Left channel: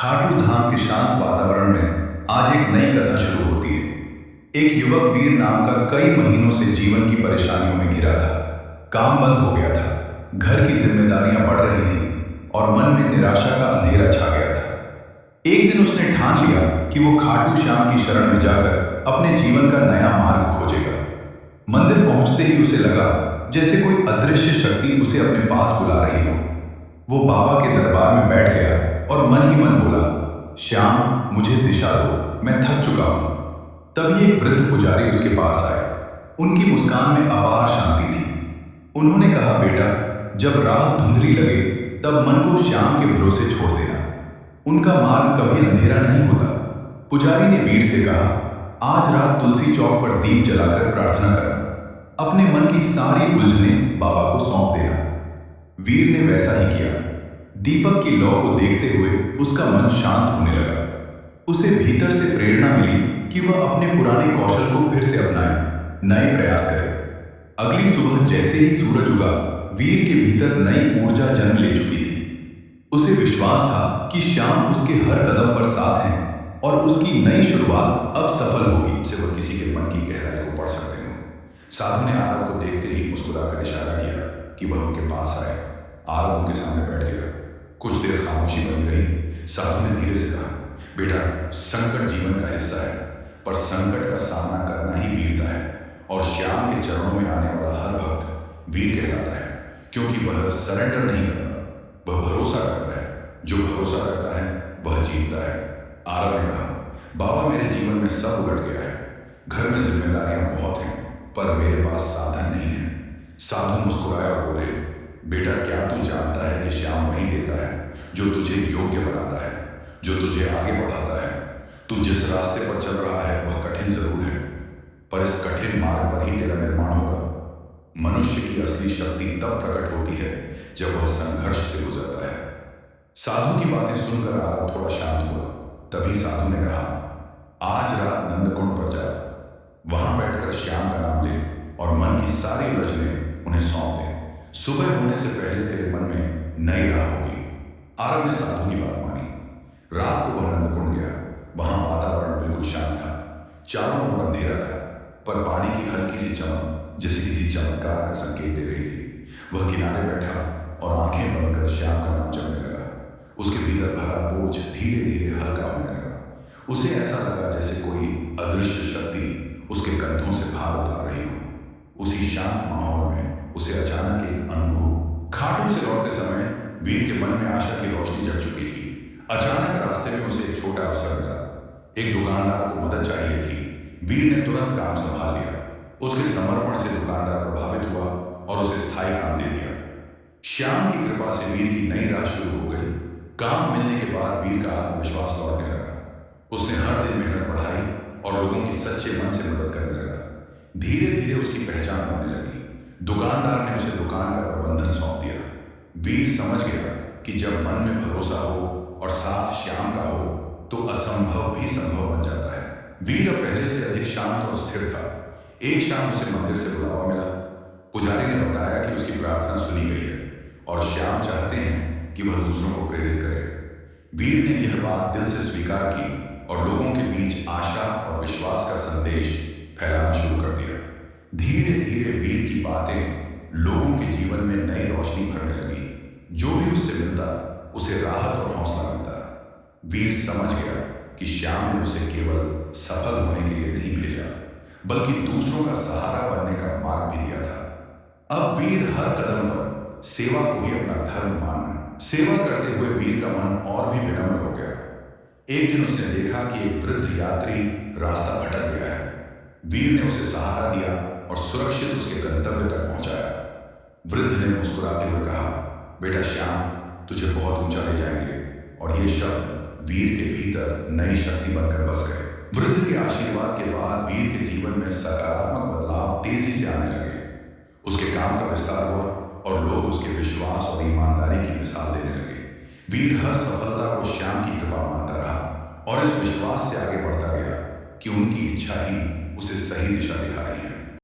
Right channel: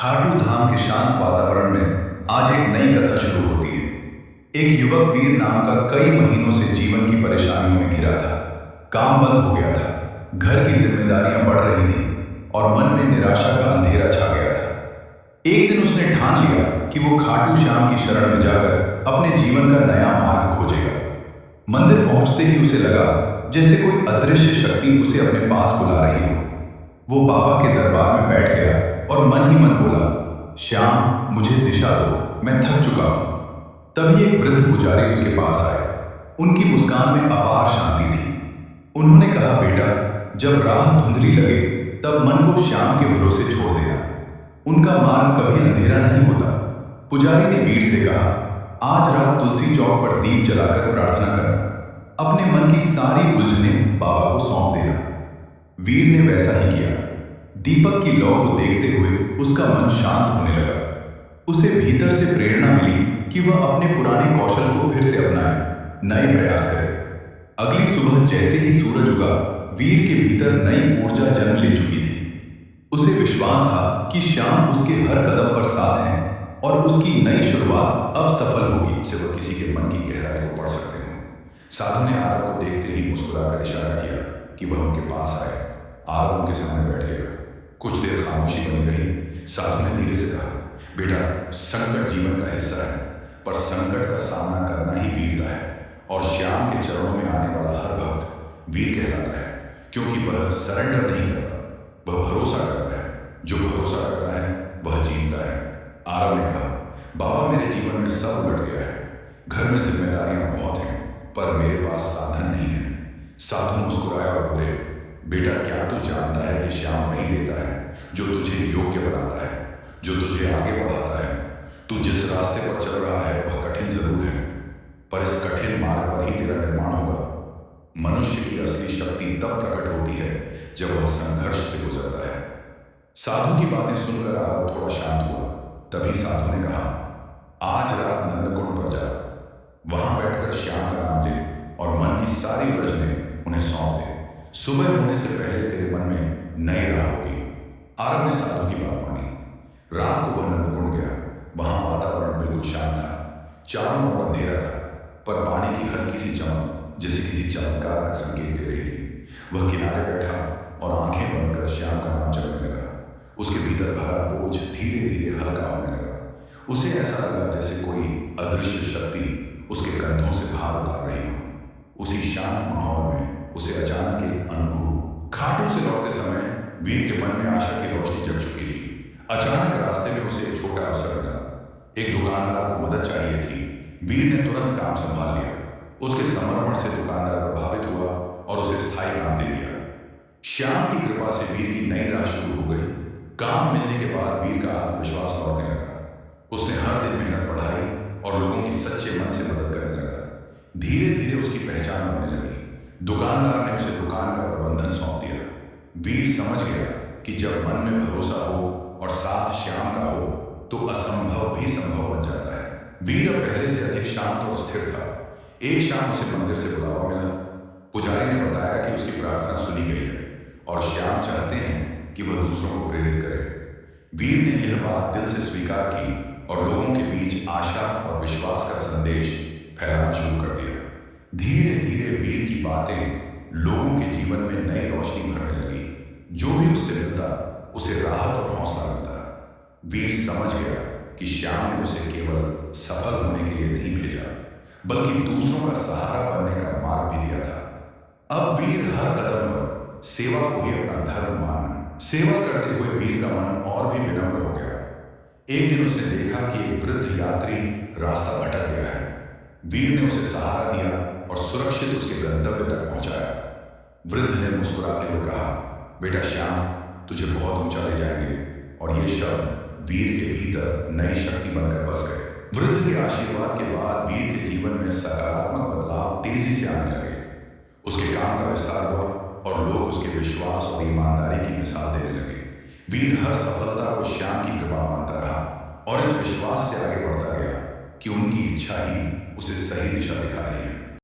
खाटू धाम के शांत वातावरण में आज एक नई कथा शुरू होती है। एक युवक वीर नाम का कई महीनों से जीवन की परेशानियों में घिरा था। काम बंद हो गया था, घर की जिम्मेदारियां बढ़ रही थीं और मन में निराशा का अंधेरा छा गया था। एक दिन उसने ठान लिया कि वो खाटू श्याम की शरण में जाकर अपने जीवन का नया मार्ग खोजेगा। मंदिर पहुंचते ही उसे लगा जैसे कोई अदृश्य शक्ति उसे अपने पास बुला रही हो। वो बाबा के दरबार में बैठ गया और मन ही मन बोला, श्याम मुझे दिशा दो, मैं थक चुका हूं। तभी एक वृद्ध पुजारी उसके पास आए। उनकी मुस्कान में अपार शांति थी। उन्होंने कहा, बेटा, जब राह धुंधली लगे तब मन को श्याम के भरोसे छोड़ देना। उनका मार्ग कभी अंधेरा नहीं होता। पुजारी ने वीर से कहा, आज रात तुलसी चौक पर दीप जलाकर प्रार्थना करना। अपने मन की सारी उलझनें बाबा को सौंप देना। वीर ने वैसा ही किया। दीपक की लौ को देखते हुए उसका मन शांत होने लगा। उसे भीतर से प्रेरणा मिली कि वह अपने पुराने कौशल को फिर से अपनाए, नए प्रयास करे। अगली सुबह जैसे ही सूरज उगा, वीर के भीतर नई ऊर्जा जन्म ले चुकी थी। उसे विश्वास था कि श्याम उसके हर कदम पर साथ हैं और उसकी नई शुरुआत अब सफल होगी। से वह किसी के मन की गहराई को पढ़ सकते हो। साधु ने आरव को देखते ही मुस्कुराकर इशारा किया कि वह उनके पास आए। आरव उनके सामने बैठ गया। कुछ देर खामोशी बनी रही। साधु ने धीरे से कहा, बेटा, संकट जीवन का हिस्सा है, पर संकट का सामना करना ही वीरता है। और श्याम के चरणों में आने वाला हर भक्त वीर कहलाता है, क्योंकि वह सरेंडर नहीं करता, वह भरोसा करता है। जो भरोसा करता है वह जीतता है। आरव ने कहा, बाबा, मेरे जीवन में सब उलट गया है। घर में जिम्मेदारियां बहुत हैं, पर मेरे पास साधन नहीं है। साधु मुस्कुराए और बोले, बेटा, क्या तू जानता है कि श्याम वही देता है जो तुझे योग्य बनाता है, जो तुझे आगे बढ़ाता है। तू जिस रास्ते पर चल रहा है वह कठिन जरूर है, पर इस कठिन मार्ग पर ही तेरा निर्माण होगा। मनुष्य की असली शक्ति तब प्रकट होती है जब वह संघर्ष से गुजरता है। साधु की बातें सुनकर आरव थोड़ा शांत हुआ। तभी साधु ने कहा, आज रात नंदकुंड पर जा, वहां बैठकर श्याम का नाम ले और मन की सारी उलझनें उन्हें सौंप दे। सुबह होने से पहले तेरे मन में नई राह होगी। आरव ने साधु की बात मानी। रात को वह नंदकुंड गया। वहां वातावरण बिल्कुल शांत था। चारों ओर अंधेरा था, पर पानी की हल्की सी चमक जैसे किसी चमत्कार का संकेत दे रही थी। वह किनारे बैठा और आंखें बंद कर श्याम का नाम जपने लगा। उसके भीतर भरा बोझ धीरे धीरे हल्का होने लगा। उसे ऐसा लगा जैसे कोई अदृश्य शक्ति उसके कंधों से भार उतार रही हो। उसी शांत माहौल में उसे अचानक एक अनुभव। खाटू से लौटते समय वीर के मन में आशा की रोशनी जग चुकी थी। अचानक रास्ते में उसे एक छोटा अवसर मिला। एक दुकानदार को मदद चाहिए थी। वीर ने तुरंत काम संभाल लिया। उसके समर्पण से दुकानदार प्रभावित हुआ और उसे स्थायी काम दे दिया। श्याम की कृपा से वीर की नई राह शुरू हो गई। काम मिलने के बाद वीर का आत्मविश्वास लौटने लगा। उसने हर दिन मेहनत बढ़ाई और लोगों की सच्चे मन से मदद करने लगा। धीरे धीरे उसकी पहचान बनने लगी। दुकानदार ने उसे दुकान का प्रबंधन सौंप दिया। वीर समझ गया कि जब मन में भरोसा हो और साथ श्याम का हो तो असंभव भी संभव बन जाता है। वीर अब पहले से अधिक शांत और स्थिर था। एक शाम उसे मंदिर से बुलावा मिला। पुजारी ने बताया कि उसकी प्रार्थना सुनी गई है और श्याम चाहते हैं कि वह दूसरों को प्रेरित करे। वीर ने यह बात दिल से स्वीकार की और लोगों के बीच आशा और विश्वास का संदेश फैलाना शुरू कर दिया। धीरे धीरे वीर की बातें लोगों के जीवन में नई रोशनी भरने लगी। जो भी उससे मिलता उसे राहत और हौसला मिलता। वीर समझ गया कि श्याम ने उसे केवल सफल होने के लिए नहीं भेजा, बल्कि दूसरों का सहारा बनने का मार्ग भी दिया था। अब वीर हर कदम पर सेवा को ही अपना धर्म मानना। सेवा करते हुए वीर का मन और भी विनम्र हो गया। एक दिन उसने देखा कि एक वृद्ध यात्री रास्ता भटक गया है। वीर ने उसे सहारा दिया और सुरक्षित उसके गंतव्य तक पहुंचाया। वृद्ध ने मुस्कुराते हुए कहा, बेटा श्याम, तुझे बहुत ऊंचा ले जाएंगे। और ये शब्द वीर के भीतर नई शक्ति बनकर बस गए। वृद्ध के आशीर्वाद के बाद वीर के जीवन में सकारात्मक बदलाव तेजी से आने लगे। उसके काम का विस्तार हुआ और लोग उसके विश्वास और ईमानदारी की मिसाल देने लगे। वीर हर सफलता को श्याम की कृपा मानता रहा और इस विश्वास से आगे बढ़ता गया कि उनकी इच्छा ही उसे सही दिशा दिखा रही है।